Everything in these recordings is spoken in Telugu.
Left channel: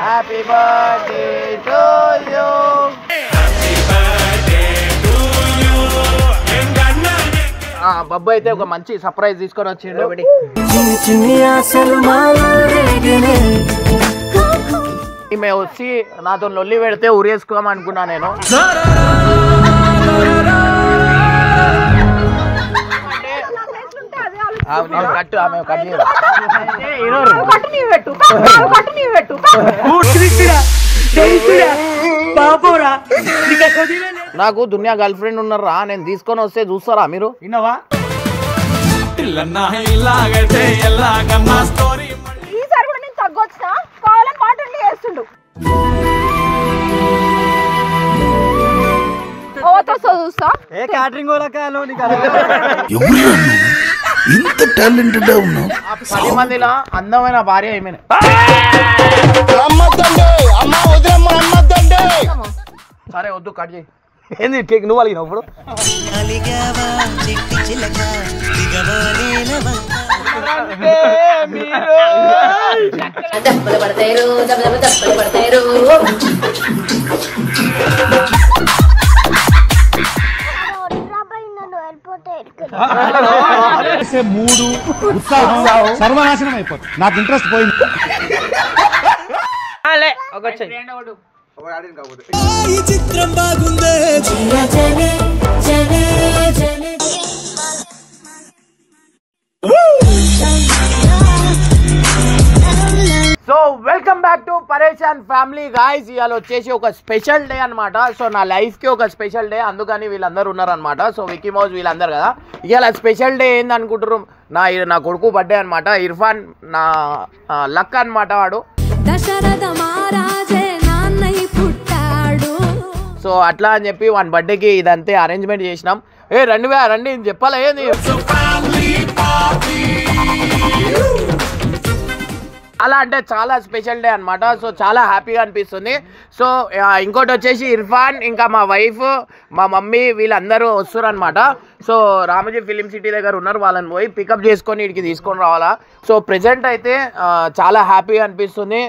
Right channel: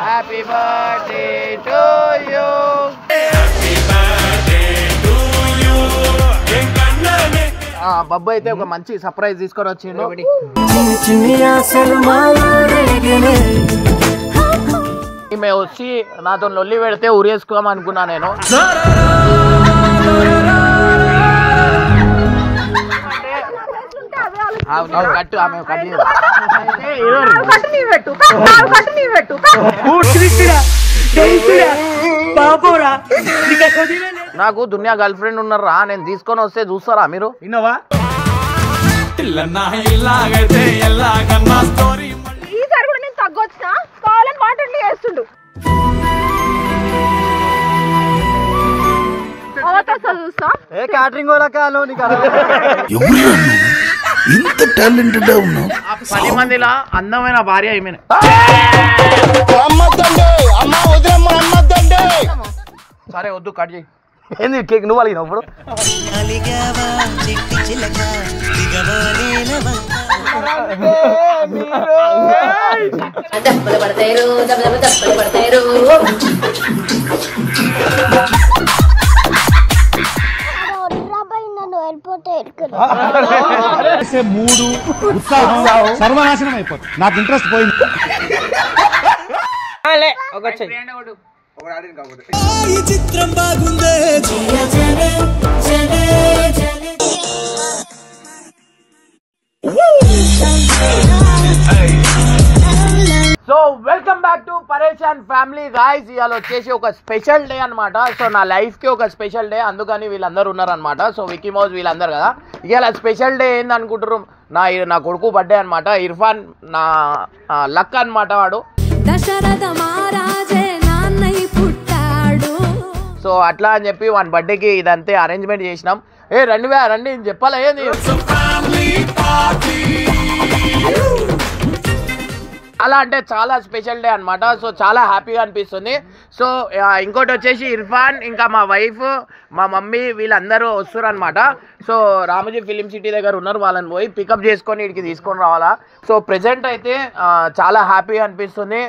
Happy birthday to you. Babbu అయితే ఒక మంచి సర్ప్రైజ్ తీసుకొని వచ్చిండు. ఈమె వచ్చి నాతో లొల్లి పెడితే ఉరేసుకోం అనుకున్నా నేను. కట్టు ఆమె నాకు దునియా గర్ల్ ఫ్రెండ్ ఉన్నారా, నేను తీసుకొని వస్తే చూస్తారా మీరు? విన్నావా? ఇంత టాలెంటెడ్ ఉన్నావు. 10 మందిలా అందమైన భార్య ఏమైనా సరే వద్దు కట్ చేయి. ఏంది కేక్ నువ్వు అలిగినావు ఇప్పుడు? మూడు ఉత్సాహం సర్వనాశనం అయిపోతుంది. నాకు ఇంట్రెస్ట్ పోయింది. చిత్రం బాగుందే. సో వెల్కమ్ బ్యాక్ టు పరేషాన్ ఫ్యామిలీ గాయ్స్. ఇవాళ వచ్చేసి ఒక స్పెషల్ డే అనమాట. సో నా లైఫ్ కి ఒక స్పెషల్ డే, అందుకని వీళ్ళందరూ ఉన్నారనమాట. సో వికీ మౌజ్ వీళ్ళందరూ కదా. ఇవాళ స్పెషల్ డే ఏంది అనుకుంటారు? నా కొడుకు బర్త్డే అనమాట. ఇర్ఫాన్ నా లక్ అనమాట. వాడు దశరథ మహారాజే నాన్నయ్య పుట్టాడు. సో అట్లా అని చెప్పి వాని బర్త్డేకి ఇదంతే అరేంజ్మెంట్ చేసినాం. రండి చెప్పాలా ఏంది? అలా అంటే చాలా స్పెషల్ డే అనమాట. సో చాలా హ్యాపీగా అనిపిస్తుంది. సో ఇంకోటి వచ్చేసి ఇర్ఫాన్ ఇంకా మా వైఫ్ మా మమ్మీ వీళ్ళందరూ వస్తారు అనమాట. సో రామోజీ ఫిలిం సిటీ దగ్గర ఉన్నారు. వాళ్ళని పోయి పికప్ చేసుకొని ఇక్కడికి తీసుకొని రావాలా. సో ప్రెజెంట్ అయితే చాలా హ్యాపీగా అనిపిస్తుంది.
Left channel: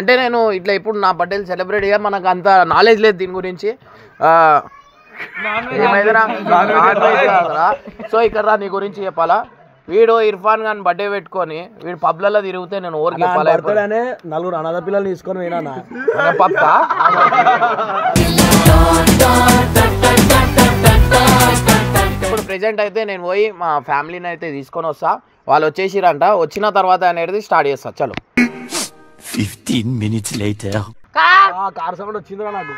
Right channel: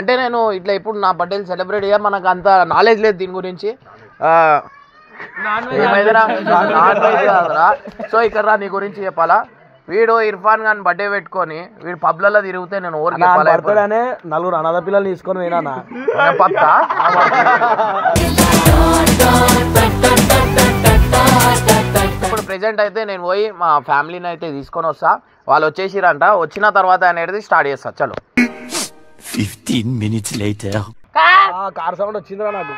అంటే నేను ఇట్లా ఇప్పుడు నా బర్త్డేని సెలబ్రేట్ చేయాలి, మనకు అంత నాలెడ్జ్ లేదు దీని గురించి. ఏమైందిరా? సో ఇక్కడ నీ గురించి చెప్పాలా? వీడు ఇర్ఫాన్ ఖాన్ బర్త్డే పెట్టుకొని వీడు పబ్లలో తిరిగితే నేను ఊరికి చెప్పాలి. నలుగురు అనాథ పిల్లలు తీసుకొని పోయినా పక్కా. ఇప్పుడు ప్రెజెంట్ అయితే నేను పోయి మా ఫ్యామిలీని అయితే తీసుకొని వస్తా. వాళ్ళు వచ్చేసిరంట. వచ్చిన తర్వాత అనేది స్టార్ట్ చేస్తా. చలో. 15 minutes later. కార్ సౌండ్ వచ్చిందిరా నాకు.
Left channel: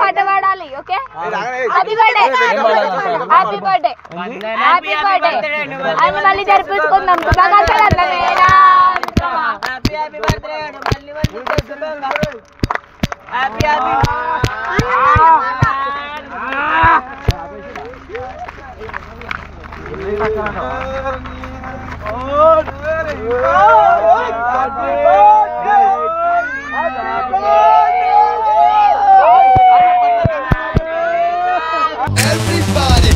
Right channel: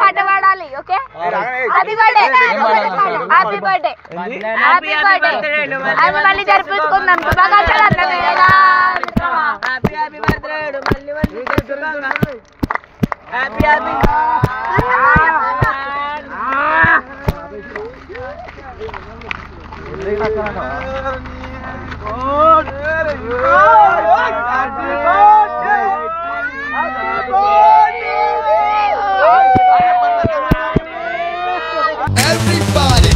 పాట పాడాలి. Okay, happy birthday, happy birthday, happy birthday అని మళ్ళీ జరిపించుకుందాం. Everybody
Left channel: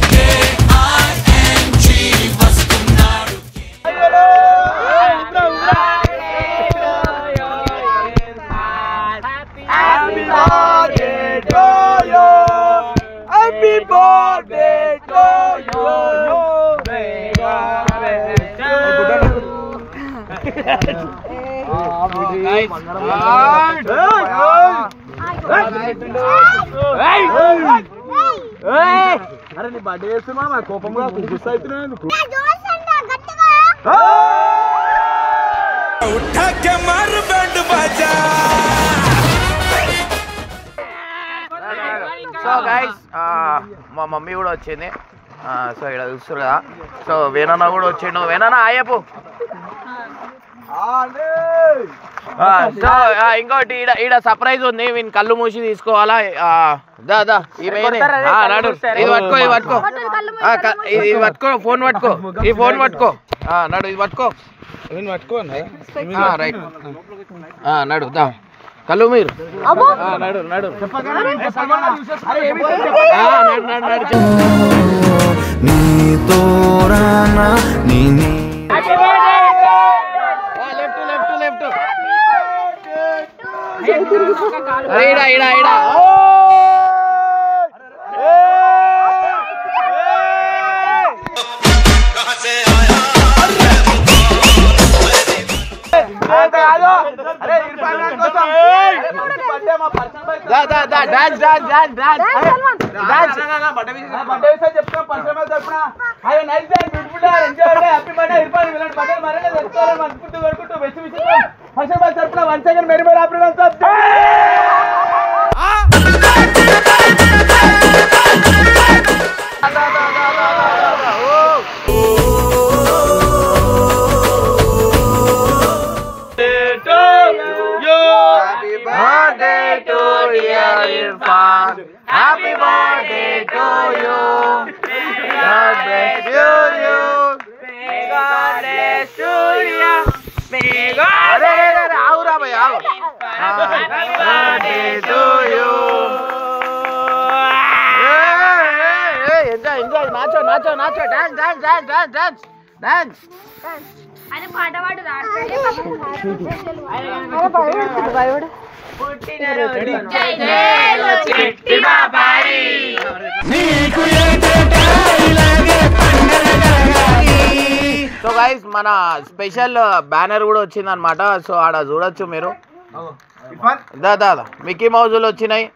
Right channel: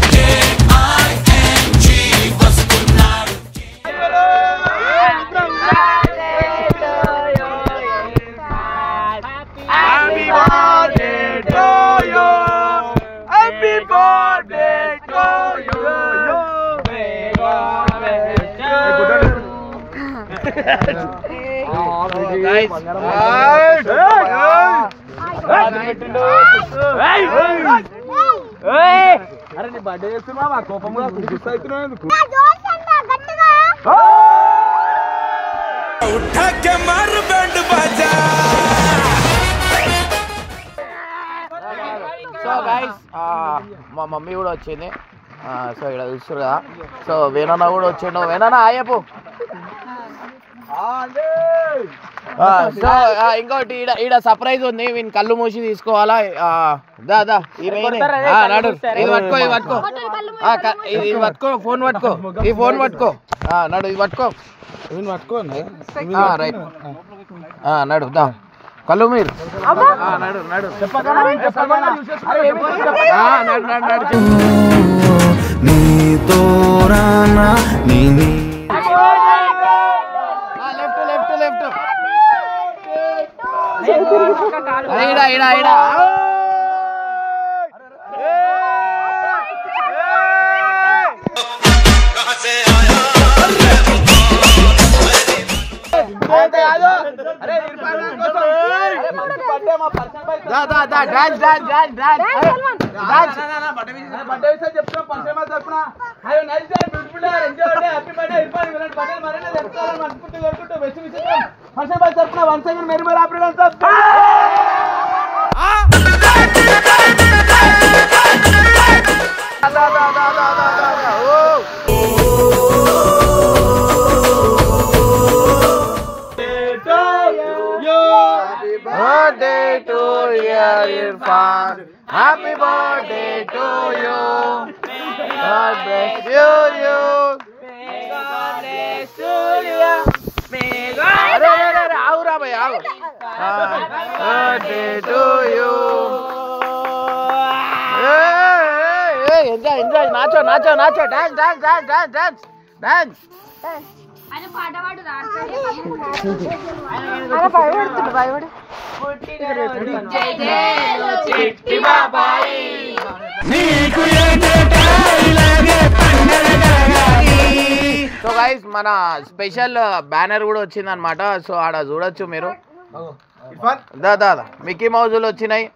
అరే నీ బర్త్డే చేస్తున్నా మా కోపంగా గుర్తవుతున్నావు ఎందుకు? సో గైస్ మా మమ్మీ కూడా వచ్చింది. సో ఇక్కడ చూస్తారు కదా. సో వేణన్న కూడా వచ్చిండు. వేణన్న ఆయపు. సో ఇంకోటి ఈడ సర్ప్రైజ్ ఉంది. వీని కళ్ళు మూసి తీసుకోవాలా. దాదా ఇది పట్టుకో, ఇది పట్టుకో, ఇది పట్టుకో, ఫోన్ పట్టుకో, ఈ ఫోన్ పట్టుకో, నడు ఇది పట్టుకో. రైట్ నడు దా. కళ్ళు మీరు నడు నడు birthday to you, Irfan. Happy birthday to you. God bless you. God bless you. अरे आओ रा भाई आओ. Birthday to you. Enjoy. Nacho. Dance. ఆయన పాట పాడు సో గైస్ మన స్పెషల్ బ్యానర్ కూడా వచ్చింది అనమాట. సో ఆడ చూడొచ్చు మీరు. దా మిక్కీ మౌజులు వచ్చినాయి.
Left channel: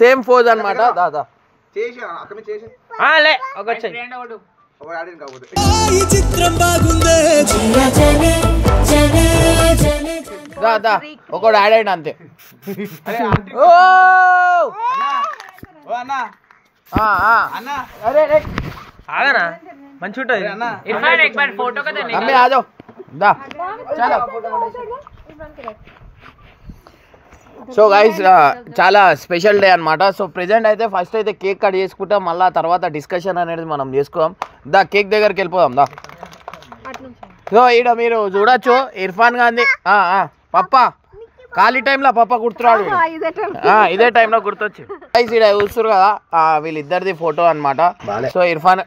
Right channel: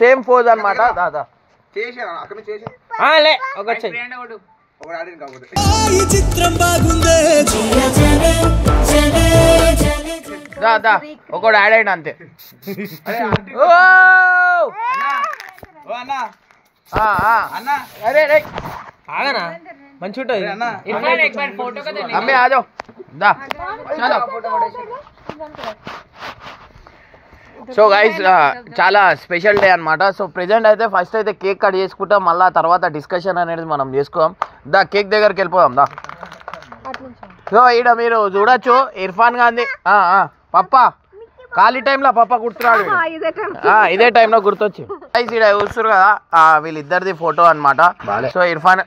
సేమ్ పోజ్ అనమాట. దాదా చిత్రం బాగుందే దాదా ఒకడు యాడ్ అయ్యండి అంతే. అరే ఆగనా మంచి ఉంటుంది. అమ్మే ఆజో దా చాలా. సో గైస్ చాలా స్పెషల్ డే అనమాట. సో ప్రెజెంట్ అయితే ఫస్ట్ అయితే కేక్ కట్ చేసుకుంటాం, మళ్ళీ తర్వాత డిస్కషన్ అనేది మనం చేసుకోం. దా కేక్ దగ్గరికి వెళ్ళిపోదాం దా. సో ఈడ మీరు చూడొచ్చు ఇర్ఫాన్ గాంధీ పప్ప ఖాళీ టైంలో పప్ప గుర్తురాడు. ఇదే టైంలో గుర్తొచ్చి గైస్ ఈడ చూస్తారు కదా వీళ్ళిద్దరిది ఫోటో అనమాట. సో ఇర్ఫాన్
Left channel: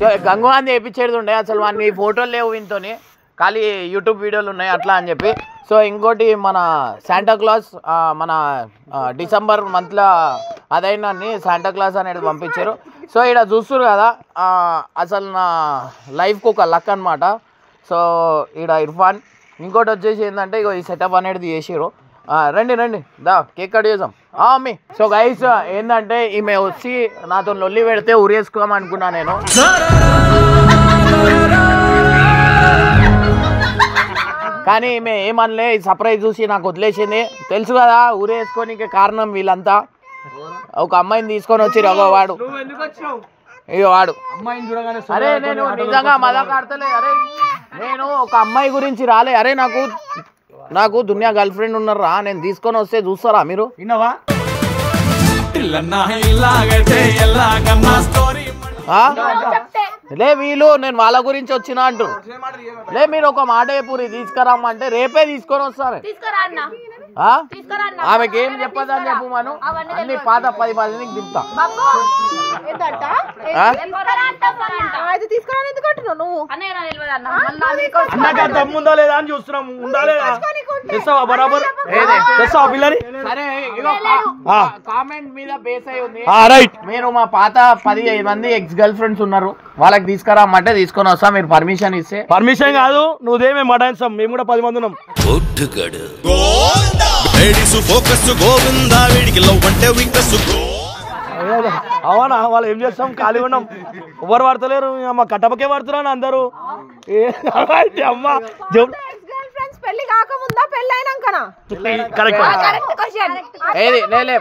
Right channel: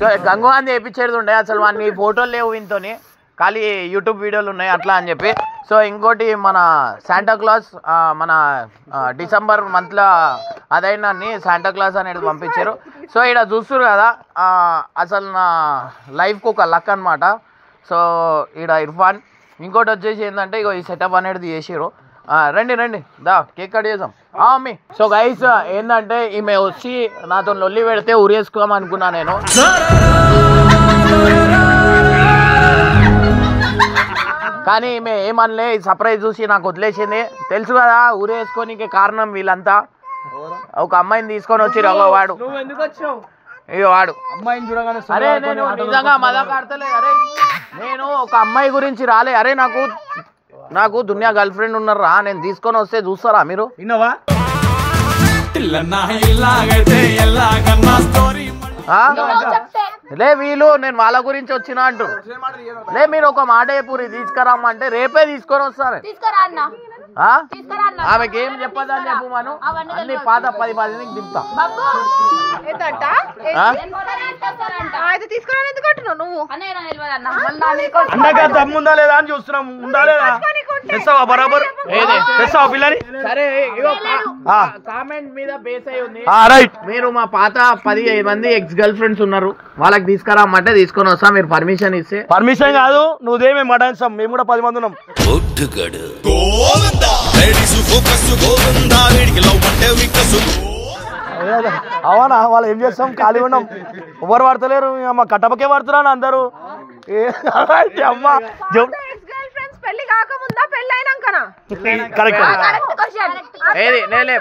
సో గంగు గాంధీ వేయించేది ఉండే, అసలు వాడిని ఫోటోలు లేవు వీనితోని, ఖాళీ యూట్యూబ్ వీడియోలు ఉన్నాయి అట్లా అని చెప్పి. సో ఇంకోటి మన శాంటా క్లాస్ మన డిసెంబర్ మంత్లో అదైనాన్ని శాంటా క్లాస్ అనేది పంపించారు. సో ఇక్కడ చూస్తారు కదా అసలు నా లైఫ్కి ఒక లక్ అనమాట. సో ఇక్కడ ఇర్ఫాన్ ఇంకోటి వచ్చేసి ఏంటంటే ఇగో ఈ సెటప్ అనేది చేసారు. రండి దా కేక్ కట్ చేద్దాం అమ్మి. సో గైస్ ఏంటంటే ఈమె వచ్చి నాతో లొల్లి పెడితే ఉరేసుకోమనుకున్నా నేను. కానీ ఈమె ఏమనలే, సర్ప్రైజ్ చూసి నాకు వదిలేసింది. తెలుసు కదా ఊరేసుకోనికి కారణం వీళ్ళంతా. ఒక అమ్మాయిని తీసుకొని వచ్చి వాడు ఇక వాడు అరే నేను నిజంగా మజాక్ ఆడతలే. అరే నేను ఒక అమ్మాయి గురించి రాలే. అరే నాకు దునియా గర్ల్ ఫ్రెండ్ ఉన్నారా, నేను తీసుకొని వస్తే చూస్తారా మీరు? లే వీళ్ళు నేను వాళ్ళ గురించి వచ్చినా అంటారు. లే మీరు ఒక మాట పూరి తీసుకురామంటే రేపే తీసుకొని వస్తారు. ఆమెకి ఏం చెప్పదని చెప్పు మనం అన్ని పాత 10 మందికి దింపుతా. దమ్ముందా లేదా అని చూస్తున్నాం. బరాబర్ సరే కామెంట్ మీద బేస్ అయి ఉంది. రైట్ మీరు మా పాత 15 మంది ఎక్స్ గర్ల్ ఫ్రెండ్స్ ఉన్నారు, వాళ్ళకి తీసుకురామంటే తీసుకొని వస్తా. మీరు పర్మిషన్ ఇస్తే. పర్మిషన్ కాదు నువ్వుదేమే మటాన్సాం, మేము కూడా 10 మంది ఉన్నాం. అవునా వాళ్ళు ఏం చేస్తాం, ఖాళీ ఉన్నాం, ఎవరు పడతలేరు. అమ్మ కట్టపకే పడుతున్నా అందరూ. అమ్మ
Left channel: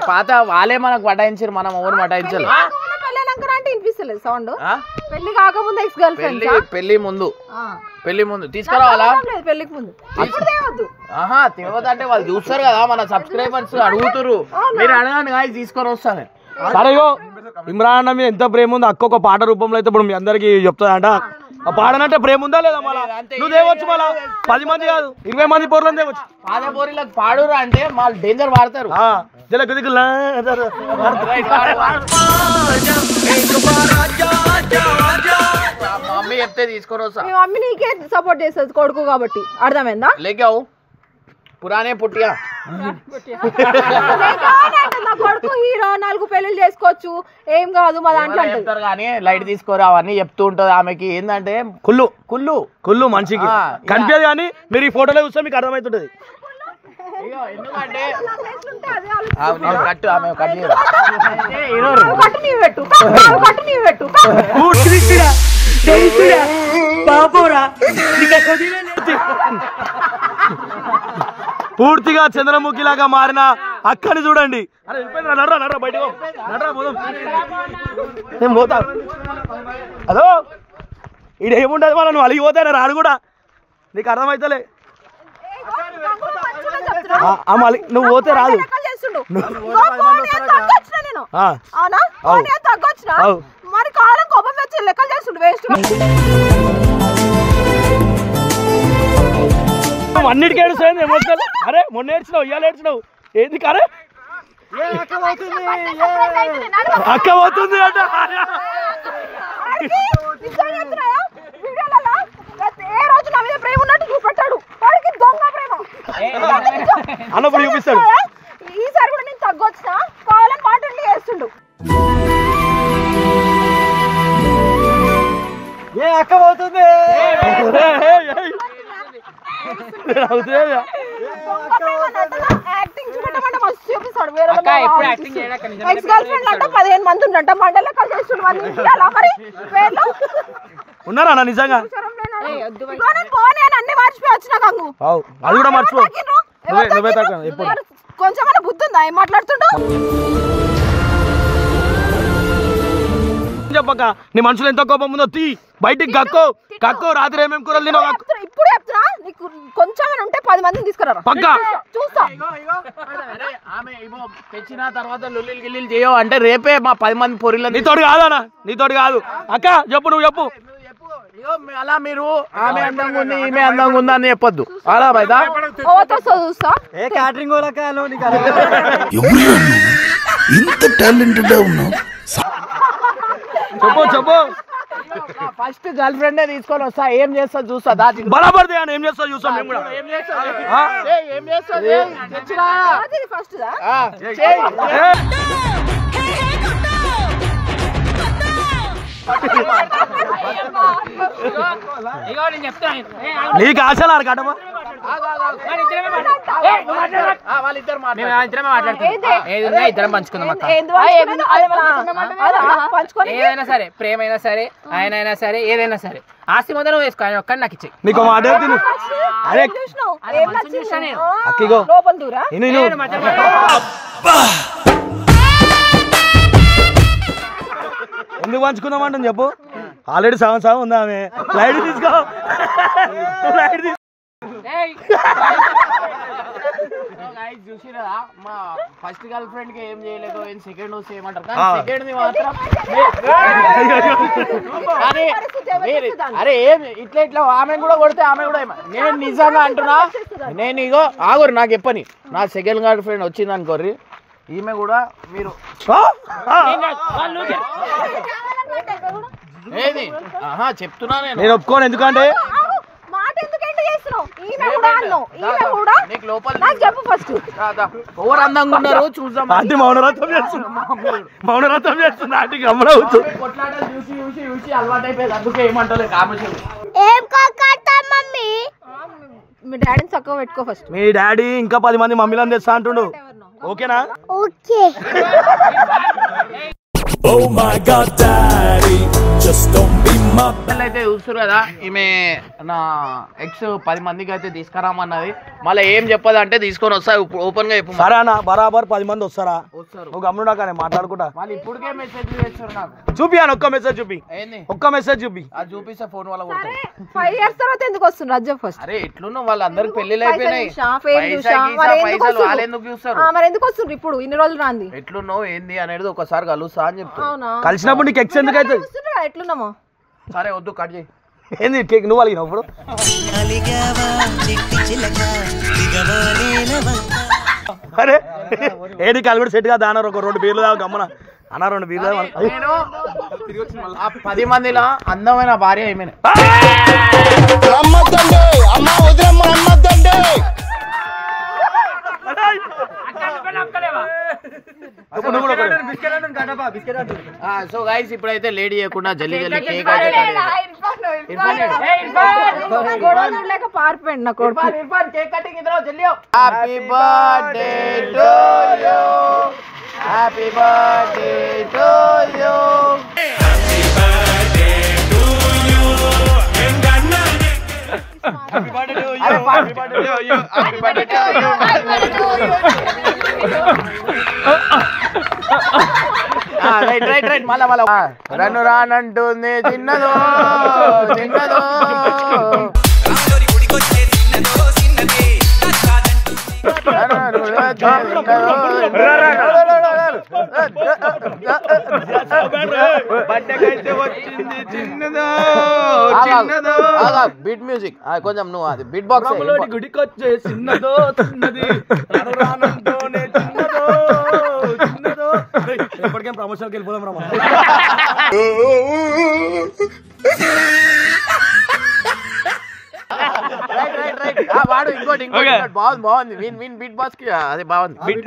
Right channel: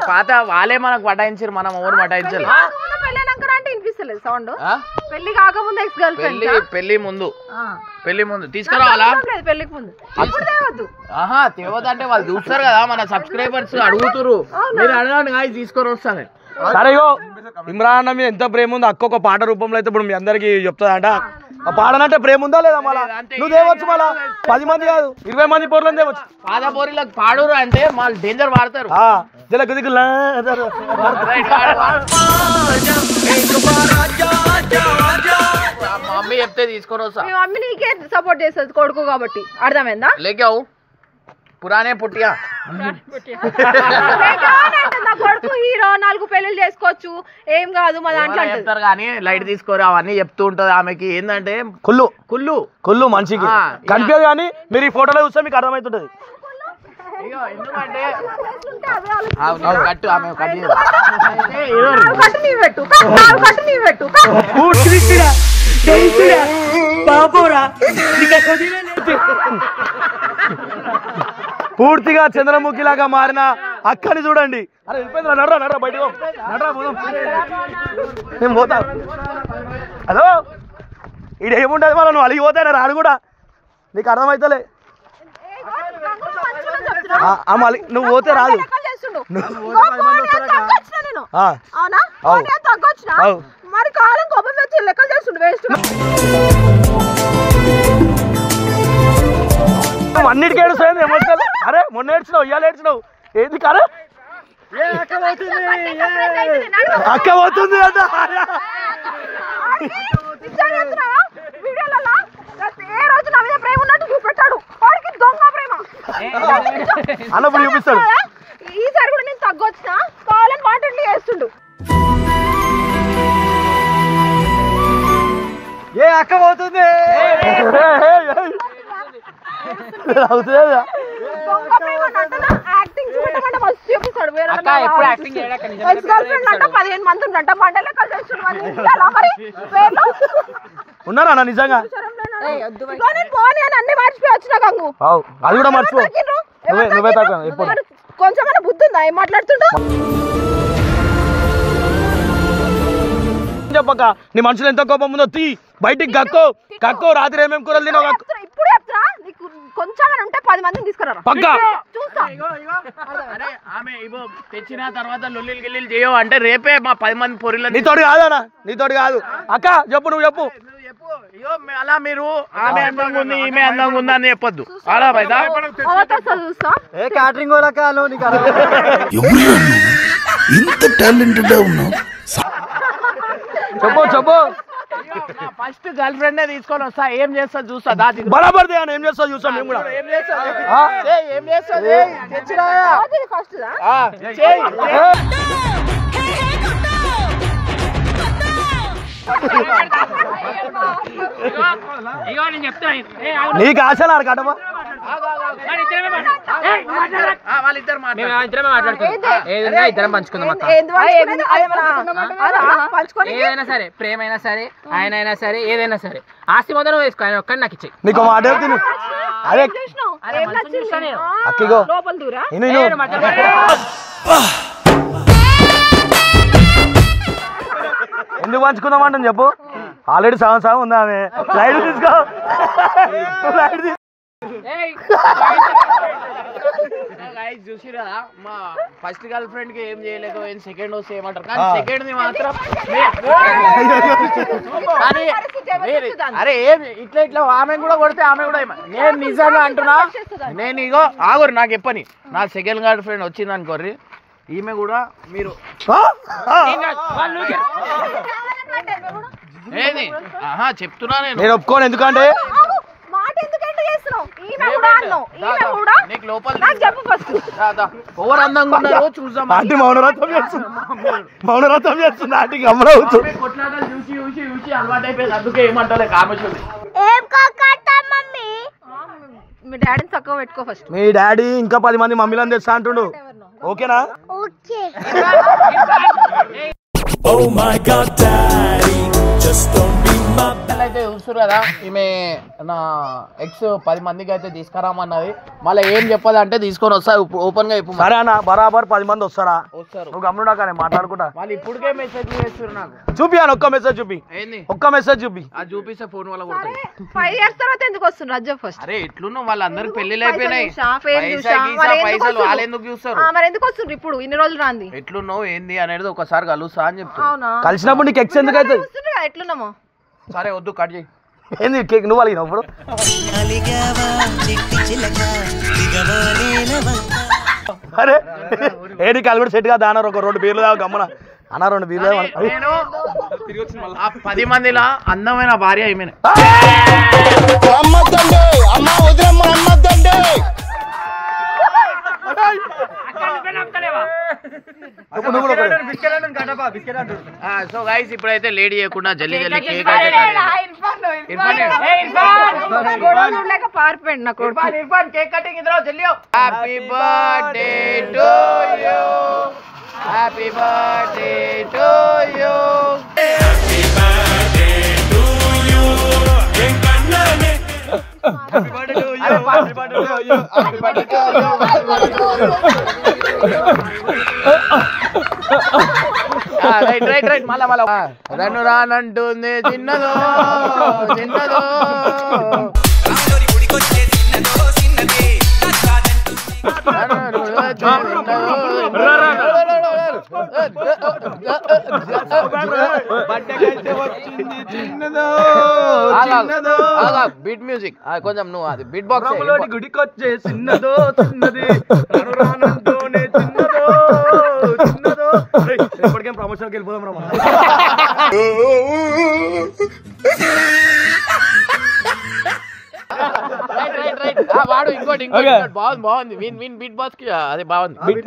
పాత వాళ్ళే మనకు పటాయించారు, మనం ఎవరు పటాయించారు. వస్తలేదు సౌండ్. పెళ్లి కాకముందు ఎక్స్ గర్ల్ ఫ్రెండ్. పెళ్లి ముందు తీసుకురావాలా? పెళ్లికి ముందు తేవదంటే వాళ్ళు చూస్తారు కదా మన సబ్స్క్రైబర్స్ అడుగుతురు. మీరు అడగండి కానీ తీసుకొని వస్తాను. సరే ఇమ్రాన్ అన్న మీద ఎంత ప్రేమ ఉంది అక్క ఒక పాట రూపంలో అయితే ఇప్పుడు మీ అందరికి చెప్తాదంట. ఆ పాడనంటే ప్రేమ ఉందా లేదా? మళ్ళా నువ్వు తేవచ్చు, మళ్ళా 10 మంది కాదు 20 మంది పోర్లను తేవచ్చు. పాదపోరిలకు పాడురు అంటే వాళ్ళు డేంజర్ వాడతారు. మమ్మీ చెప్తే తీసుకొని వస్తా. మీ మమ్మీ నీకే సపోర్ట్ చేస్తుంది కొడుకు కాబట్టి, అర్థమైందా? లేకావు పురానే పుట్టియా కొడుకు హీరో 4 పెళ్లి చేసుకోవచ్చు ఏం కాదు మా దాంట్లో చెప్తారు కానీ లైట్ తీసుకోరు అవన్నీ చెప్తూ ఉంటది. ఆమెకి ఏంటంటే కుళ్ళు మనిషికి కనిపించదు కానీ మీరు ఈ ఫోటోలో చూస్తే మీకు అర్థమవుతుంటది. ఎందుకంటే కట్టు ఆమె పూర్తిగా చంద్రముఖి లాగా మారిన అక్కని చూడండి. బయట నేను పోతా. హలో ఇది ఏముంటది మళ్ళీ నువ్వు అలిగి పోతాయి రాడు కూడా నీకు అర్థమవుతలే. నువ్వు పోతే రాదు. మరి కాలం కోపం వచ్చి లెక్కలు చేస్తుండు వేస్ట్. అన్నిటికీ ఏడుస్తాయి ఎమోషనల్. అరే మొన్న ఏడ్చినావు ఇవాళ ఏడ్చినావు ఏంది? కరే అక్క పోతుంది అంట. అన్నప్పుడు చూపిస్తాడు. ఈసారి కూడా నేను తగ్గొచ్చిన కాలం పాటలు చేస్తుండు. ఏ అక్క పోతుంది అక్క ఎప్పుడు యాక్టింగ్ చేయడాక 15 మంది ఉండంట మండలే కలిసేస్తున్నాడు. ఉన్నారా అన్న నిజంగా? అన్ని మర్చిపోయి వచ్చిన గంగు. అది కూడా మర్చిపో. నువ్వే తక్కువ ఎప్పుడు కొంచెమైనా బుద్ధి ఉందా? ఏం మాట్లాడుతుంటా? చెప్పక నీ మనుషులు ఎంత కోపం ఉందో తీ బయటికి కక్కో రాత్రి ఏమేమి కూరలు తినో ఇప్పుడు చెప్తా. నీకు కొంచెం ఉంటే 10 మందిని తీసుకురా పక్కా. ఆమె ఇగో తెచ్చిన తర్వాత లుల్లిలు గిల్లీలు చేయవు అంటే రేపే మా 10 మంది పొరిలు. నీతోటి కాదన్నా, నీతోటి కాదు అక్క. చెప్పు నువ్వు చెప్పు. అలా మీరు ఆమె అందంగా ఉంది ఈమె అందంగా ఉంది అని చెప్పొద్దు. అలా చూస్తా ఏ క్యాటరింగ్ వాళ్ళక ఇంత టాలెంటెడ్ ఉన్నావు. చెప్పు ఫస్ట్ గర్ల్ ఫ్రెండ్ తీసుకొని వస్తా. ఏం చేస్తా చూస్తా. బరాబర్ అని ఏం చేస్తా చూస్తాం మేము కూడా. ఏం చేస్తా తెచ్చినా ఫస్ట్ నీకు ఆశలు కట్టమా? ఇద్దరం పంచుకుందాం అక్క. ఏదైనా సరే ప్రేమ అయినా సరే ఆయన అయినా సరే ఏదైనా సరే ఆస్తి మొదలు వేసుకో. ఆయన ఒక్కడి నాకు ఇచ్చి నీకు మాట అరే అక్కిగో ఎందుకు పంచుకుందామంటాను చెప్పు. ఆల్రెడీ సగం ఉందా ఆమె. లైట్ తీసుకో లైట్ తీసుకో. చూసిరా మా ఫస్ట్ గర్ల్ ఫ్రెండ్ కి ఏం చేయలేదు సెకండ్ వస్తే ఏమంటారు కానీ సెకండ్ ది మాత్రం అరే ఏం ఇట్లా ఆమె కూడా కొడితే ఆమె కూడా నేను నిజంగా అంటున్నా. నేను ఇగో ఆగురు నాకు చెప్పని నా సెకండ్ గర్ల్ ఫ్రెండ్ వచ్చింది అనుకోర్రి ఈమె కూడా మీరు ఏది చెప్తున్నా నేను ఒప్పుకోను. ఎందుకంటే నీకు లోపల ఓవర్ అందంగా ఉన్నారు చూద్దాం. ఆంటీ మౌనరథం చేస్తుంది ఆంటీ గమనవుతూ కొట్లాటలు చూసి చూసి చూసి అలవాటు అయిపోయింది. అందుకే ఏమంటారు కామేశ్వరి మీ డాడీని చక్కగా పెట్టుకో ఫస్ట్. మీ డాడీ ఇంకా 10 మంది మమ్మీలను తెస్తా అంటుండు. ఓకేనా? Oh my God, Daddy, just don't be my వాళ్ళు అయితే చూస్తారు కదా ఈమె నా ఎక్స్ 10 మందికి అయితే తీసుకురామన్నది మళ్ళీ ఏం చెప్పదు అంటే తీసుకొని వస్తా ఓపెన్ గా చెప్పు సరే అన్న బరాబర్ 10 మంది వస్తారా వస్తారు నువ్వు గమ్మునా కానీ మాట్లాడుకుంటా మళ్ళీ ఇప్పటికే మెసేజ్ చేస్తారు నాకు చూపి అని ఒక్క మెసేజ్ చూపి ఏంది ఒక్క మెసేజ్ చూపి అది చూపిస్తే ఫోన్ వల్ల సరే 5 years తర్వాత ఎందుకు వస్తుంది రాజ్యం ఫస్ట్ అరే ఎట్లున్నా వాళ్ళందరికి పెళ్లిళ్ళు అయిపోయినాయి పైసలు పైసలు వాళ్ళు ఎందుకు చూస్తారు మరి ఎందుకు వస్తుంది ఇప్పుడు ఇన్ని రోజులు రాంది ఎట్లున్నావు ఏంది అనేది ఒకసారి కలుస్తా అని చెప్తా అవునా కలిసినప్పుడు నీకు ఎక్స్ ఎందుకు అవుతుంది వస్తుండ్రు కదా, ఎట్లున్నాము సరే వద్దు కట్ చేయి ఏంది కేక్ నువ్వు అలిగినావు ఇప్పుడు అరే ఏడి కాలు కూడా సెట్ గా దానారు ఒక 2 బీర్లు దాకా గమ్మన అన్న 2 బీర్లు నేను ఆ 10 మందిలో అందమైన భార్య ఈమెనే సో గైస్ ఇప్పుడైతే లేడీ చేయకుండా జల్లి జల్లి కేక్ పారిపోయింది నా కొడుకు కేక్ కటింగ్ ఇద్దరు జల్లి happy birthday to you happy birthday to you happy birthday to you happy birthday to you happy birthday to you right మళ్ళా రన్ను రానంటుంది చిన్నదో చిన్నదో బీట్ మ్యూజిక్ కొంచెం నువ్వు అది బీట్ బాక్స్ గుడికొచ్చే చిన్నదో చిన్నది రానంటోనే చిన్నదో చిన్నదో ఎప్పటికేం ప్రమోషన్కి వెళ్ళిపోదాం రా రైట్ వాడు ఇంకోటి బాగుంది విన్ బీట్ బాక్స్ కి అదే బాగుంది బీట్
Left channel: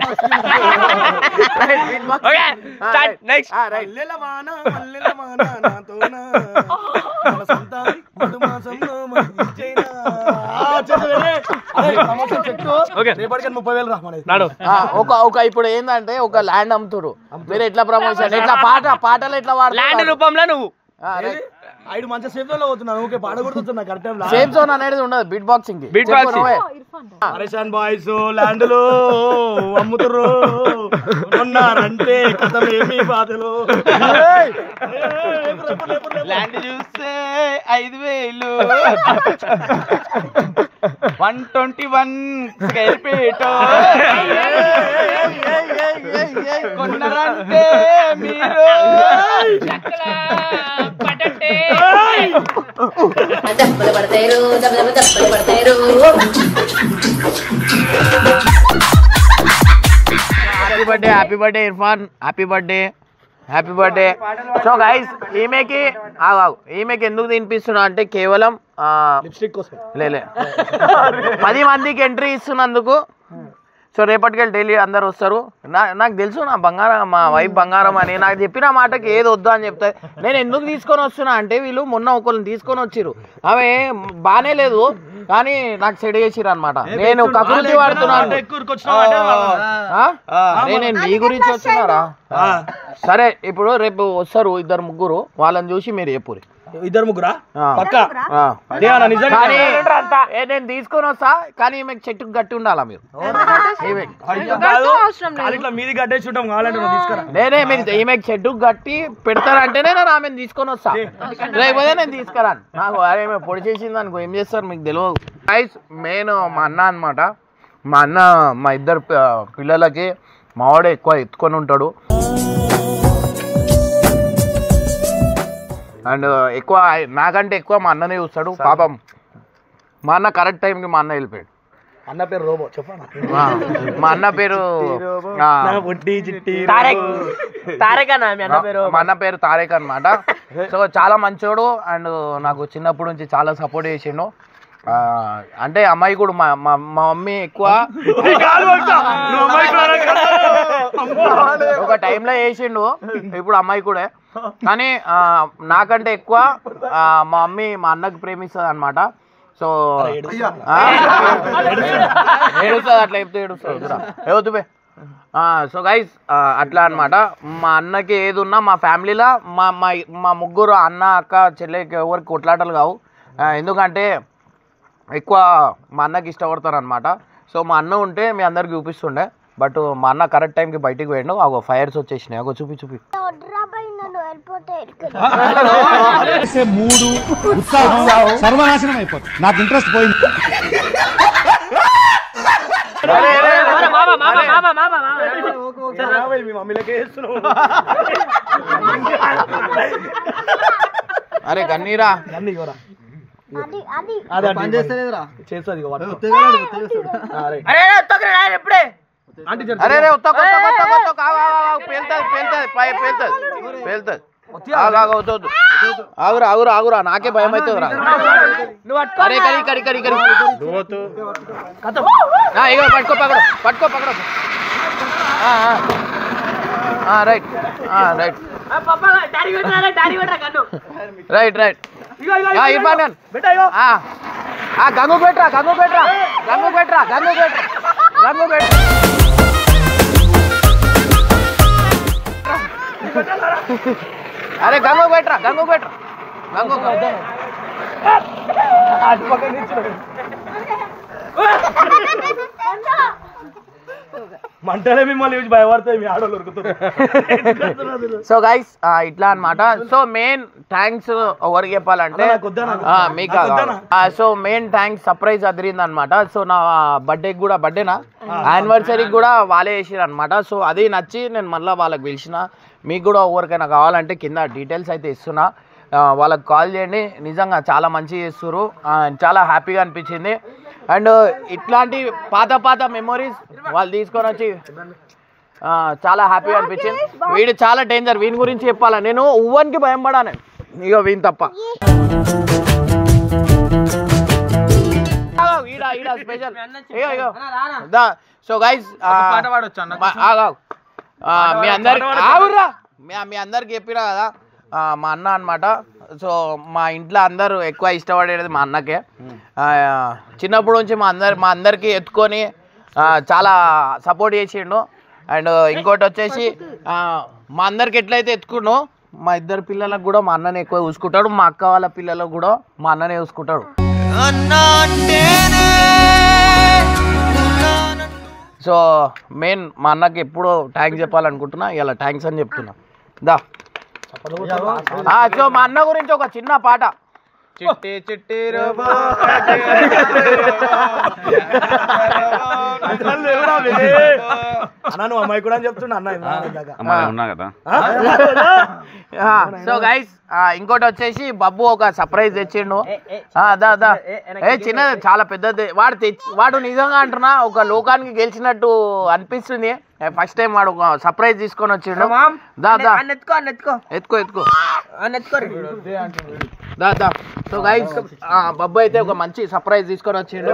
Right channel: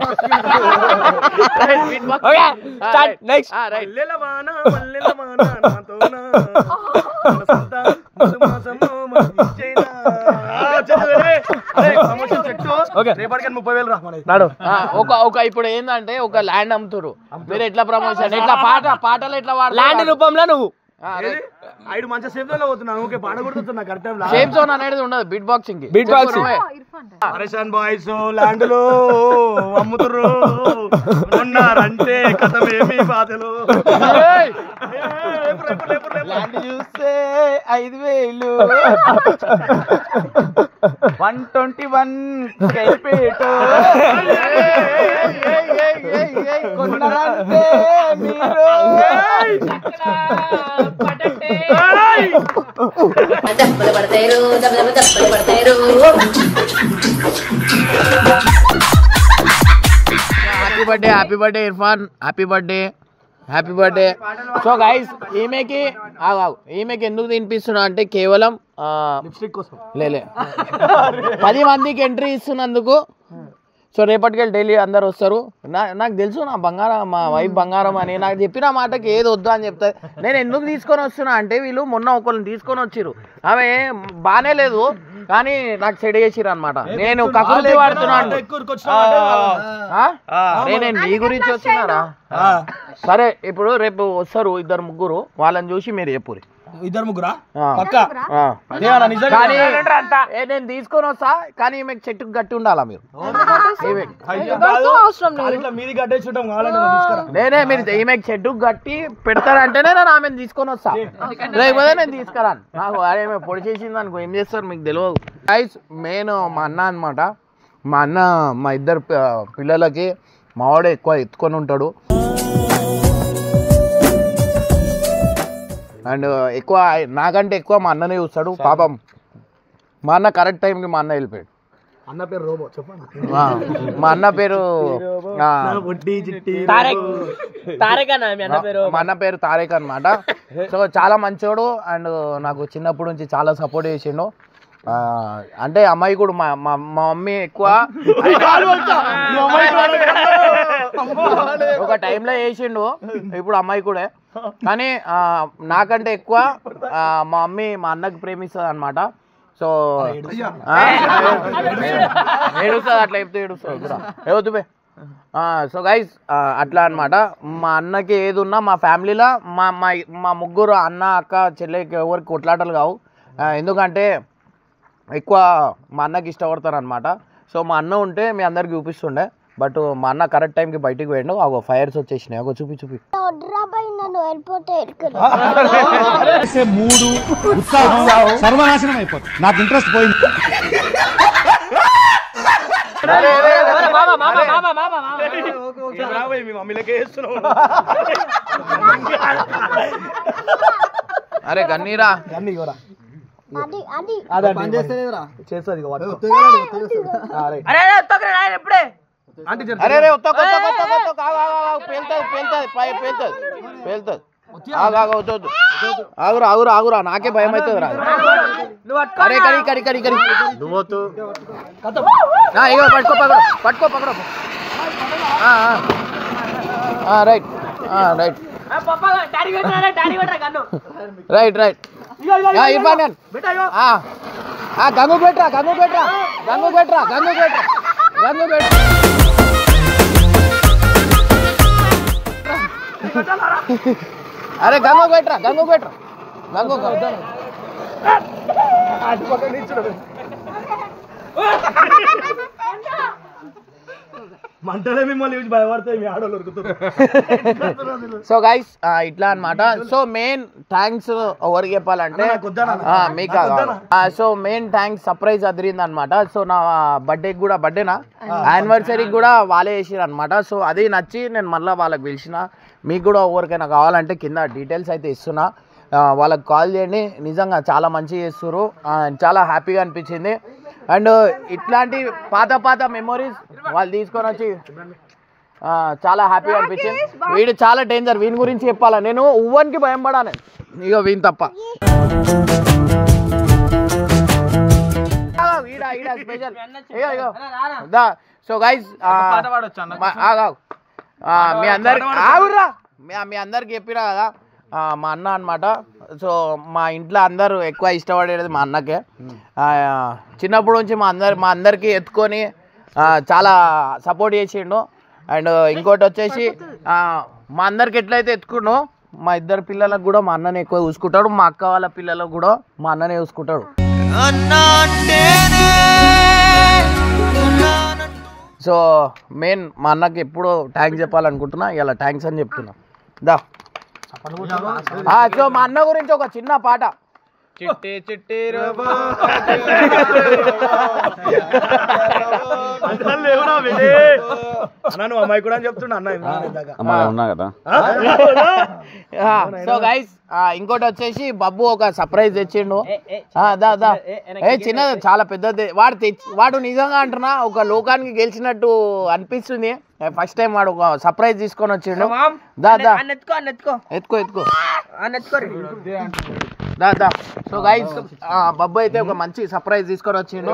ఒక ఇప్పుడు ఏంటంటే ఒక ల్యాండ్ అమ్ముతారు మీరు ఎట్లా ప్రమోషన్ ఎట్లా పాటలు ఎట్లా వాడు ల్యాండ్ రూపంలో నువ్వు ఐదు మంచి సేఫ్ జోన్ లో పోతున్నా ఓకే పాట కొడుతున్నా కరెక్ట్ టైం సేఫ్ జోన్ అనేది ఉండదు బీట్ బాక్సింగ్ పరేషాన్ బాయ్స్ ల్యాండ్ లో అమ్ముతుర్రు ఉన్నారంటే కథమేమి బాధలు ల్యాండ్ చూస్తే 5,000 121 స్క్వేర్ ఫీట్ కొన్నారంటే మీరు దప్పలు పడతారు దప్పలు పడతారు happy birthday Irfan happy birthday so guys ఈమెకి ఎందుకు తినిపిస్తున్నా అంటే కేవలం లిప్స్టిక్ కోసం లేలే 10 మందికి ఎంట్రీ ఇస్తున్నందుకు సో రేపటికెళ్ళి డైలీ అందరు వస్తారు నాకు తెలుసు నా బంగారం మా వైఫ్ బంగారం అని నాకు చెప్పిన మాటకి ఏది వద్దు అని చెప్తాయి నేను ఎందుకు తీసుకొని వస్తున్నా అంటే వీళ్ళు మొన్న ఒకళ్ళని తీసుకొని వచ్చిర్రు ఆమె బానే లేదు కానీ నాకు సెట్ చేసిరు అనమాట నేను కకృతి వాడుతున్నాను నేను నీ గురించి వచ్చినారా సరే ఇప్పుడు రేపు వస్తారు 2-3 వాళ్ళని చూసి మీరు చెప్పురి 2-3 కానీ నేను తీసుకొని వస్తా కానీ మీకు చెట్టుకు గట్టి ఉండాలా మీరు మీది గడ్డేసి ఉంటాం కావాలంటే తీసుకురా నేనే మీరు ఈమెకి చెట్టుకు గట్టి పెడతారంటేనే నేను ఆమెను తీసుకొని వస్తా లేకపోతే నేను తీసుకురాను నాకు అరే పొడి చేసింది అనుకో ఏం చేస్తారు మీకు తెలియదు గైస్ మెయిన్ మా అన్న అనమాట మా అన్న మా ఇద్దరు పిల్లలకి మావాడే ఎక్కువ ఎత్తుకొని ఉంటాడు అండ్ ఎక్కువ నాకంటే ఎక్కువ మా అన్ననే చూస్తాడు పాపం మా అన్న కరెక్ట్ టైంకి మా అన్న వెళ్ళిపోయాడు అన్న పేరు రోబో చెప్పండి మా అన్న పేరు మా అన్న పేరు తారేక్ అనమాట సో చాలా మంచోడు అండ్ నాకు చిన్నప్పటి నుంచి చాలా సపోర్ట్ చేసిండు అంటే అమ్మాయి కూడా మా మమ్మీ ఎక్కువ ఒక టైంలో వేసిండు ఇప్పుడు అమ్మాయి కూడా కానీ నాకంటే ఎక్కువ మా మమ్మీ మా అన్నకి ప్రేమిస్తుంది అనమాట సో ఏడుస్తుంది అట్లా చెప్తే ఏడుస్తుంది ఏవద్దు సో గైస్ అట్లా అన్నమాట. మా అన్నకి ఏది ఉన్నా మా ఫ్యామిలీలో మా మా మా ముగ్గురు అన్న అక్క చెల్లెకి ఎవరికి కొట్లాటలు కావు. ఎందుకంటే ఎక్కువ మా అన్నకి ఇష్టపడతారు అనమాట. సో మా అన్న ఉంటే మీ అందరికి చూపిస్తుండే, బట్ మా అన్న కరెక్ట్ టైంకి బయటికి పోయిండు. అగో ఫైర్స్ వచ్చేసినాయి. అగో చూపి మూడు సర్వనాశనం అయిపోతుంది. నాకు ఇంట్రెస్ట్ పోయింది. అరే గన్నీరా అరే రే పేలుతుంది. ఆగురా ఆగురా ఆగురా, నాకే భయం అవుతుంది రా. అరే కరి కరి కరి కరి ఇగో పట్టుకో పక్కన పట్టుకో పక్కన. Right right right right Irfan Gangu పెట్టరా గంగు పెట్టరా గంగు పెట్టరా గంగు పెట్టరా గంగు పెట్టరా. అరే గంగు పెట్టరా గంగు పెట్టరా గంగు మంటలే మిమ్మల్ని భయపడతాయి మీ ఆడోళ్ళు ఉరుకుతారు. సో గైస్ ఇట్లా అన్నమాట. సో మెయిన్ థ్యాంక్స్ ఎవరికి చెప్పాలంటే మీకు. సో మెయిన్ థ్యాంక్స్ సర్ప్రైజ్ అదిరింది అనమాట. సో నా బర్త్డేకి కూడా, బర్త్డేనా యానివర్సరీకి కూడా వాళ్ళే చేసిరు అనమాట. సో అది నచ్చి నేను మళ్ళీ వాళ్ళకి పిలిచిన. మీకు కూడా ఎవరికైనా కావాలంటే కింద డీటెయిల్స్ అయితే ఇస్తున్నా, వాళ్ళకి కాల్ చేయండి. నిజంగా చాలా మంచిగా చేస్తున్నారు, చాలా హ్యాపీగా అనిపించింది. అండ్ ఇట్లాంటి పాత పాత మెమొరీస్ వాళ్ళు తీసుకొని వచ్చి చాలా హ్యాపీగా అనిపించింది. వీడు చాలా డేంజర్, వీని గురించి చెప్పాలా నేను ఉవ్వనికి భయం పడా నేను. ఇగో వీని తప్ప స్పెషల్. సో గైస్ మీ అందరికి ఆగుర్రా, మీ అందరికి చెప్పినా కదా మా అన్న అనమాట. సో మా ఇంట్లో అందరూ ఎక్కువ ఇష్టపడేది మా అన్నకే. చిన్నప్పటి నుంచి మా అందరికి ఎత్తుకొని చాలా సపోర్ట్ చేసిండు. అండ్ ఇంకోటి వచ్చేసి మా అందరికి ఎట్లయితే ఎత్తుకున్నాో మా ఇద్దరు పిల్లలకు కూడా మా అన్ననే ఎక్కువ చూసుకుంటాడు. మా అక్క వాళ్ళ పిల్లలకు కూడా మా అన్ననే చూసుకుంటాడు. సో మెయిన్ మా అన్నకి ఎప్పుడు థ్యాంక్స్ చెప్పాలనుకుంటున్నా, ఇలా థ్యాంక్స్ అని చెప్తున్నా. దా సో మా అన్న గురించి ఒక చిన్న పాట. చిట్టి చిట్టి అన్నాను అమ్మాయి కూడా అని చెప్తున్నా అన్న. సో గైస్ ఇంకోటి వచ్చేసి బబ్బు ఒక సర్ప్రైజ్ తెచ్చిండు. చిన్న చాలా పెద్దది. వాడు నిజంగా అంటున్నా ఒక లోకానికి గెలిచినట్టు అనిపిస్తుంది. ఫస్ట్ టైం వాడు ఒక సర్ప్రైజ్ తీసుకొని వచ్చిండు. ఎత్తుకో ఎత్తుకో దా. సో గైస్ బబ్బు అయితే ఒక మంచి సర్ప్రైజ్ తీసుకొని వచ్చిండు.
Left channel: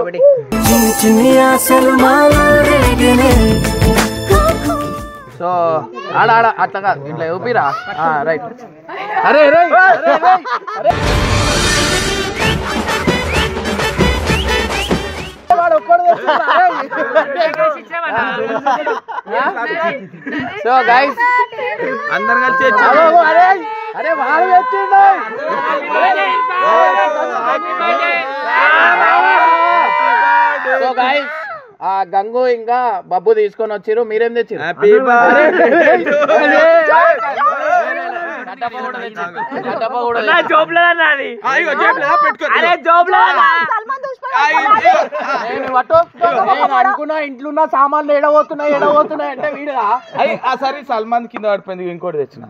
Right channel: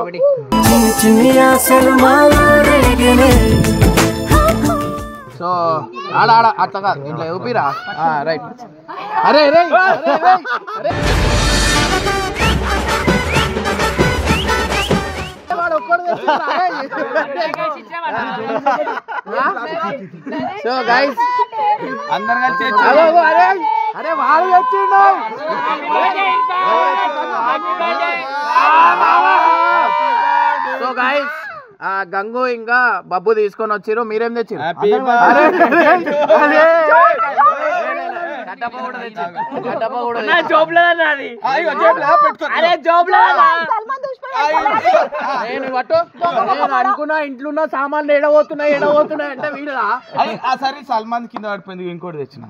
సో ఆడ అట్లా కాదు, ఇట్లా ఊపిరా. రైట్. అరే రే సో గైస్ అందరు కలిసి అరే వాడు వచ్చిండు. సో గైస్ గంగు ఇంకా బబ్బు తీసుకొని వచ్చిర్రు. మీరేం తెచ్చిర్రు? అనుకున్నా ఇంట్లో ఉన్న సామాన్లు ఎడబోతున్నాయి అంటే వీడుదా. సరే సల్మాన్ కింద పడిపోయింది, ఇంకోటి తెచ్చిన.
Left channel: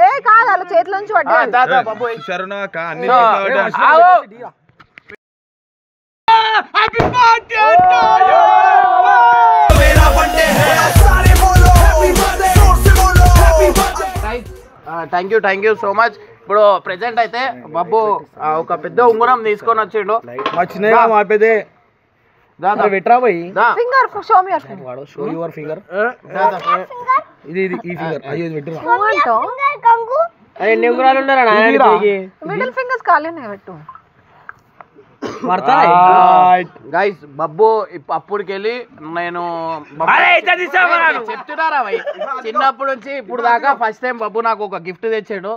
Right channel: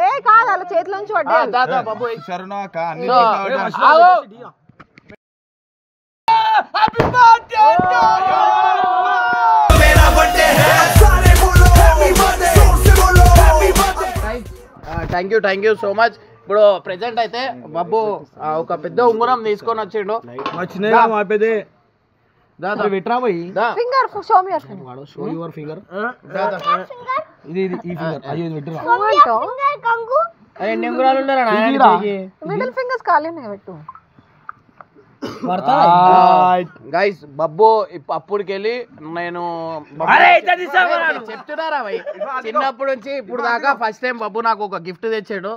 ఏ కాదు అలా చేతుల నుంచి థ్యాంక్ యూ సో మచ్. ఇప్పుడు ప్రెసెంట్ అయితే బబ్బు ఒక పెద్ద ఉంగరం తీసుకొని వచ్చిండు. Finger show me show your finger. ఇది ఈ ఫింగర్ అయ్యో ఇది పెట్టు. మిడిల్ ఫింగర్స్ ఖాళీనే పెట్టు. గైస్ బబ్బు అప్పటికెళ్ళి నేను చెప్తున్నారా భయ్ చిన్నప్పటి నుంచి ఇప్పుడు దాకా ఫస్ట్ టైం బబ్బు నాకు ఒక గిఫ్ట్ తెచ్చాడు.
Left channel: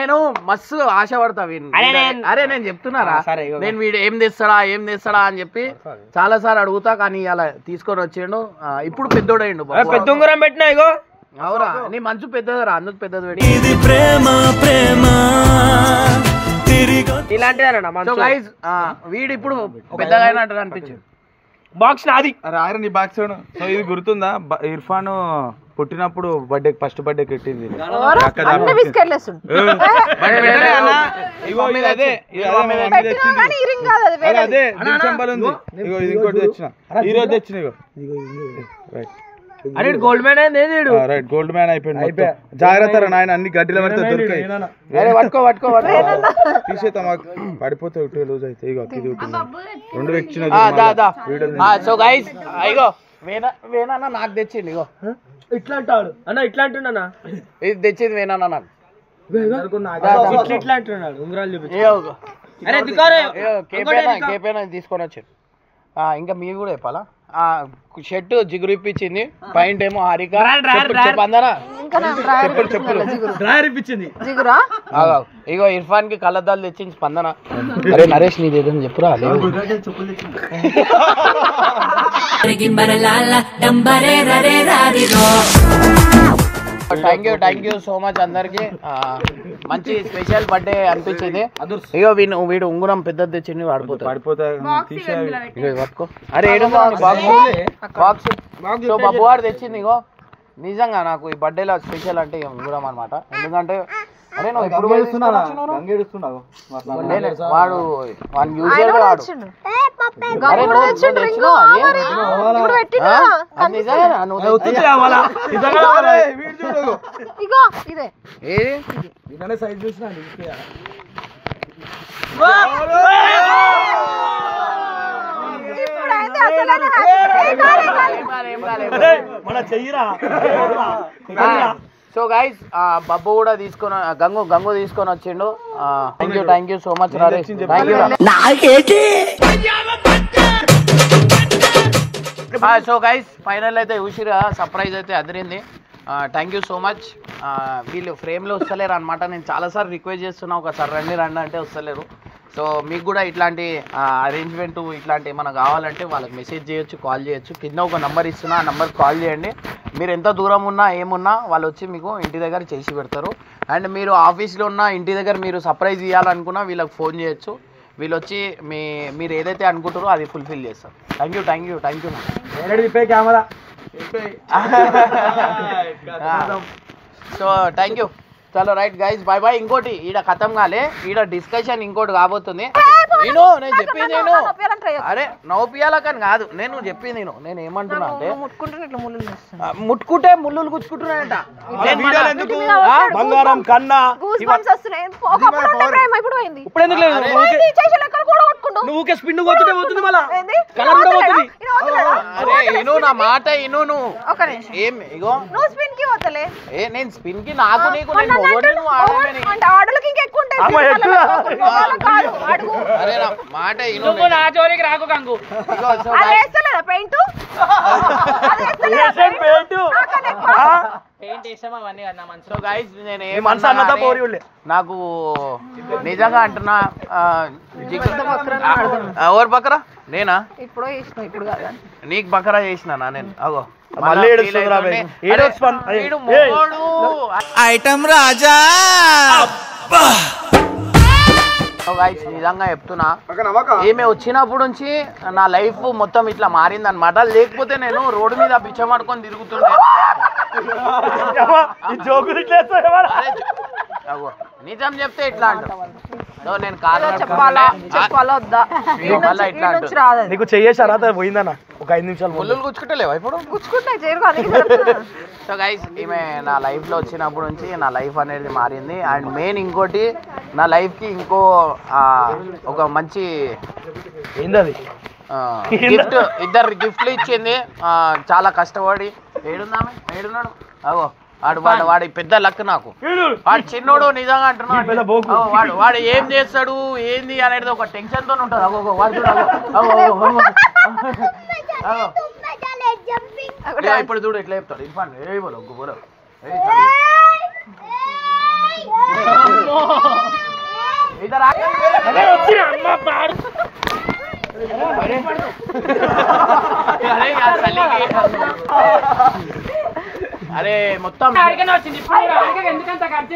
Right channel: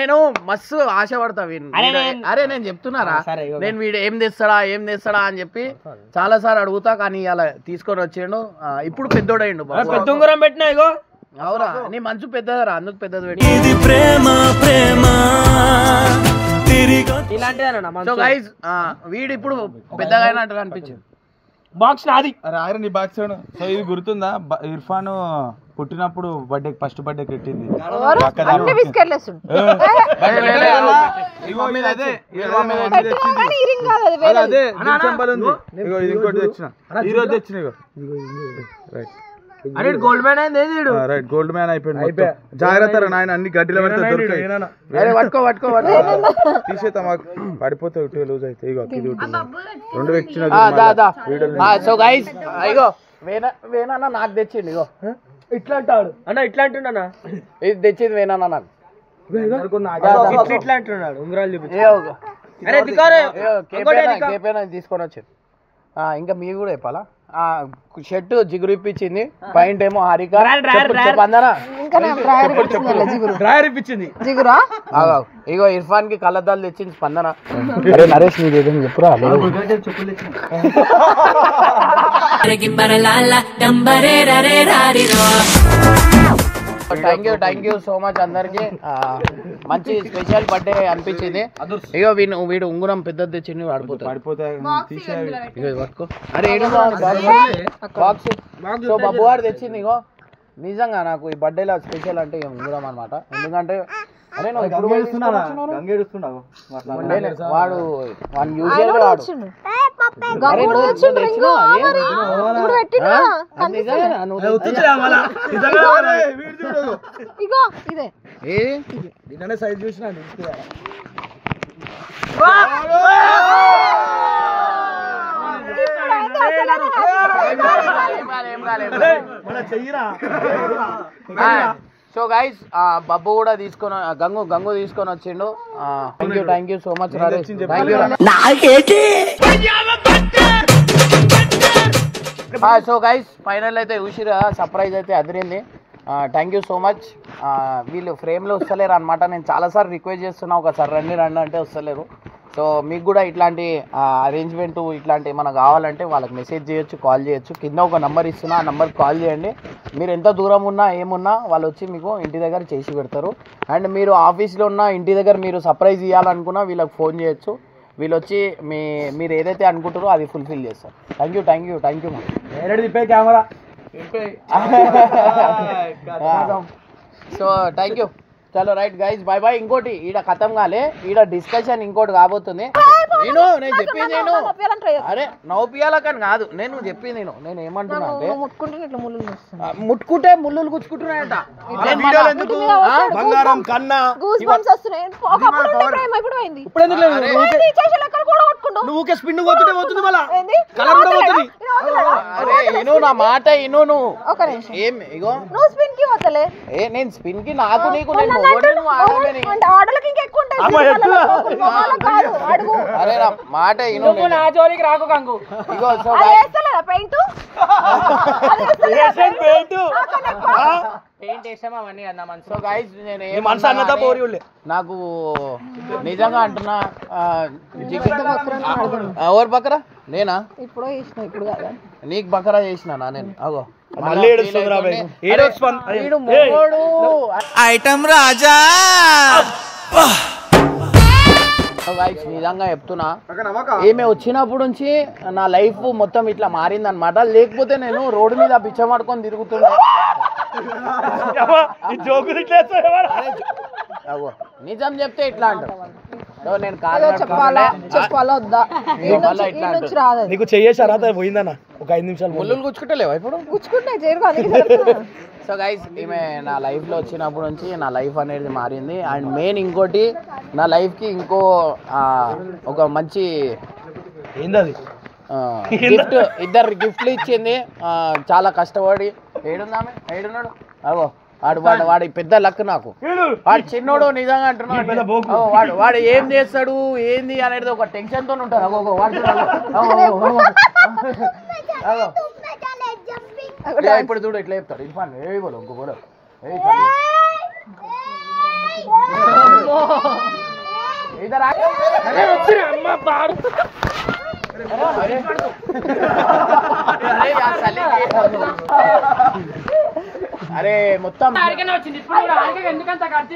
నేను మస్తు ఆశపడతా అరే నేను చెప్తున్నారా నేను వీడు ఏం తెస్తాడా అని చెప్పి చాలా సార్లు అడుగుతా, కానీ అలా తీసుకొని వచ్చాడు. ఇప్పుడు పెద్దోడైండు పెద్ద ఉంగరం పెట్టినా ఇగో. అవునా నీ మంచు పెద్దదరా అందుకు పెద్దది పెట్టి ఇలాంటిదేనా వీడు ఇప్పుడు పెద్దగా అయినట్టు అనిపించింది. బాక్స్ నాది. రాయరు నీ బాక్స్. సో ఇది గుర్తుందా, ఇర్ఫాన్ పుట్టినప్పుడు ఫస్ట్ బర్త్డే పెట్టింది. ఇంకోటి తెచ్చిన ఈ రోజు తెచ్చిన. అరే గోల్డ్ మ్యాన్ అయింది. రైట్ గోల్డ్ మ్యాన్ అయిపోయింది. జాగ్రత్త నాయన, అన్ని గడ్డిలో పడితే దొరుకుతాయి. తీసేతా మాకు పడిపోతాయి, ఉట్టిగా లూజ్ అయితే. ఇగో ఇది రెండు తెచ్చిన. సో గైస్ ఇగో వేనా నాకు తెచ్చింది. ఇగో ఇట్లా అంటాడు అన్న, ఇట్లా అంటున్నా. ఇది తెచ్చింది వేనా నాకు. ఇట్లా అంటున్నాడు ఉంగరాలు చూపించి. కేపేనా తీసుకొని వచ్చాడు. ఇంకా మీరు కూడా చెప్పాలా? షర్ట్ జిగురు ఇప్పించింది, పాయింట్ ఏమో హారిక చెప్పందనా ఇప్పించింది. ఇగో ఇర్ఫాన్ కి కళ్ళద్దాలు తెచ్చింది స్పందన. అరే నరేష్ నీది ఏదైనా చెప్పురా. థ్యాంక్ యూ సో మచ్ అందరికి. మంచి స్పెషల్ బర్త్డే అనిపించింది. ఇగో వీడు ఉంగురం పెద్దది తెచ్చింది, పట్టుకో. అరే బాక్స్ సో బబ్బు వాడు తెచ్చింది. ఇగో నిజంగా నాకు ఈ బర్త్డేలో స్పెషల్ అంటే ఉంగురం అనమాట. ఎందుకంటే అరే నువ్వు ఎప్పుడు వాడు యూజువల్ వాడు సైజ్ చూసిన మన చెయ్యిరా. సో గైస్ బబ్బు కూడా తీసుకొని గంగు తీసుకొని వచ్చిండు. Thank you so much. So guys final అయితే చూసిరు కదా, సర్ప్రైజ్ అయితే అదిరింది. Thank you so much. వీళ్ళు ఫ్రేమ్లో వస్తలేరు అనమాట. నేను చాలాసార్లు రిక్వెస్ట్ చేస్తున్నా, ఒకసారి రండి అంటే వస్తలేరు. సో మీకు కూడా ఇట్లాంటి అరేంజ్మెంట్ ఇట్లాంటి ఏమైనా కావాలంటే వాళ్ళకి మెసేజ్ చేయొచ్చు, కాల్ చేయొచ్చు. కింద ఒక నెంబర్ ఇస్తున్నా, ఆ నెంబర్కి కాల్ చేయండి. మీరు ఎంత దూరం ఉన్నా ఏమున్నా వాళ్ళు వచ్చి మీకు ఇంటి దగ్గర చేసి పెడతారు. అండ్ మీరు ఆఫీస్లో ఉన్న ఇంటి దగ్గర మీరు సర్ప్రైజ్ ఇవ్వాలనుకున్నా వీళ్ళకి ఫోన్ చేయొచ్చు. వీళ్ళు వచ్చి మీరు ఏదైతే అనుకుంటారో అది ఫుల్ఫిల్ చేస్తారు. Thank you camera. So thank you. చలో రైట్ గైస్, బాయ్ బాయ్. ఇంకోటి ఈడ ఖతం కాలే, ఈడ డిస్కషన్ ఇంకోటి కాబోతుంది. నేను చెప్పింది అరే నవ్వుపియాలకని కాదు, నేను చెప్పింది నేను ఏమంటున్నా అంటే ముట్టుకుంటే ముళ్ళు గుచ్చుకుంటున్నాయంట. బంగారం కన్నా నువ్వు స్పిన్ పోతుంది మళ్ళా కలర్ కూడా పోతుంది. అరే ఇను నా మాట ఇను. నువ్వు ఏం ఇగో నేను స్పిన్ కి నాకు నీకు అరే నా మాట ఇను. నా జోలికి రాకు గంగు. ఇగో సో గైస్ నేను నాకు నిజంగా అంటున్నా, ఎవరు బకరా నేనా? ఇప్పుడు నీకు బకరా చేసినా నేను. అగో ఐటమ్ రాజా. నిజంగా చెప్తున్నా, ఈమె వచ్చినప్పుడు నుంచి నా లైఫ్ మొత్తం ఇట్లా మారిందనమాట. లేకపోతే నేను రోడ్డు మీద పిచ్చమాడుకొని తిరుగుతున్నా. నిజం చెప్తే ఇట్లా అంటారు. నేను చెప్పాలా వద్దా? నీకు చెయ్యేసారా పోయిందన్న ఒక 5 నిమిషాలు ముళ్ళు గుచ్చుకుంటలేవా ఇప్పుడు? గుచ్చుకుంటాయి. సో గైస్ ఈమె నా లైఫ్ లో వచ్చినప్పటి నుంచి నా లైఫ్ అనేది మారింది. అండ్ మెయిన్ ఇంకోటి, నా లైఫ్ కి ఇంకో ఒక మంచి ఏందది ఇద్దరు గిఫ్ట్లు ఇచ్చింది. చాలా కష్టపడి ఏడున్నాడు అగో వాడి పెద్ద లక్ నాకు. వాడు చిన్నోడు నిజంగా అంటున్నాడు. వాడు ఏం చేస్తాడు ఏంది అనేది ఒక టెన్షన్ తో ఉంటది. ఇప్పుడు చూడు ఎట్లా చెప్తాడు ఇర్ఫాన్. ఏ బోలో ఇంకో బోలో. అరే మొత్తం వచ్చింది ఎందుకంత ఖర్చు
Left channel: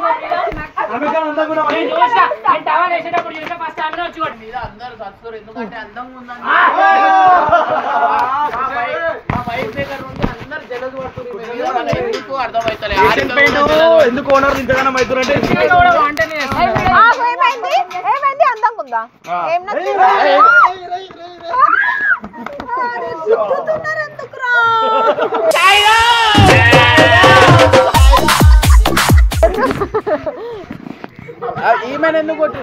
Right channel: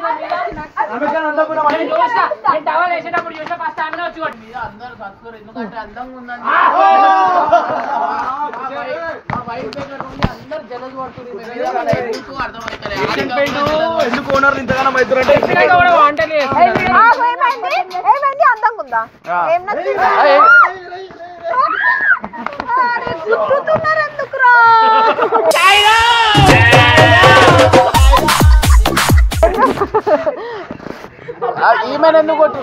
ఎందుకంటే అందంగా ఉందని వైఫ్ దగ్గర నుండి అందరు జలస్ పడుతుంది. ఎందుకు అర్థమవుతలేదు ఎందుకు ఓనర్ ఇంతగానో అవుతుందంటే ఏమైంది అందంగా ఉందా? ఏం నచ్చింది? ఈమెను ఎందుకు కొట్టు?